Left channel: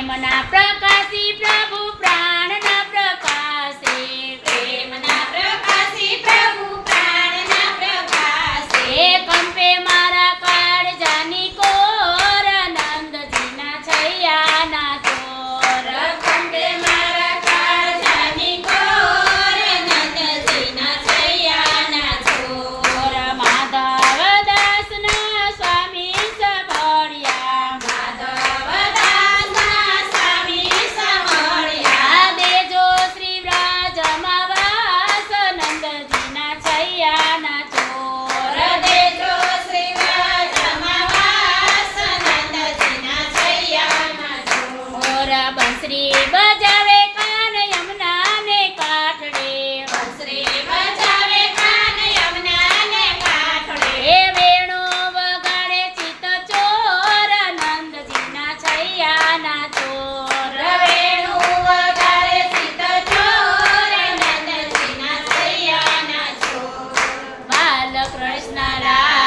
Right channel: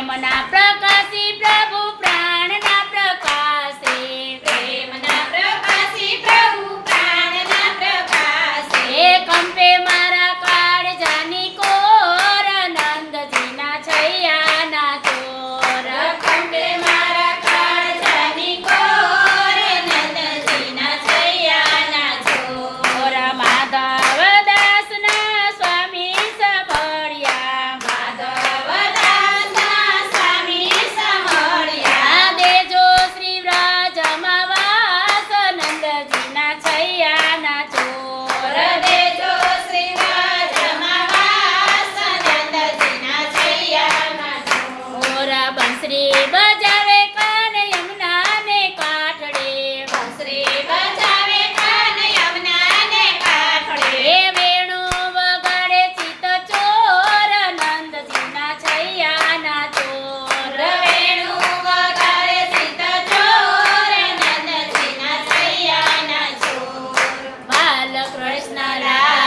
પ્રેમના પ્રકાર બંસરી બજાવે કાન યમુના ને કાઠડે બંસરી બજાવે કાન યમુના ને કાઠડે. એ વેણુ વગાડે ચિત ચોર નંદજીના છૈયાના ચોર રવેણું વગાડે ચિત ચોર, નંદજીના સૈયાના ચોર. બાલકૃષ્ણ લાલ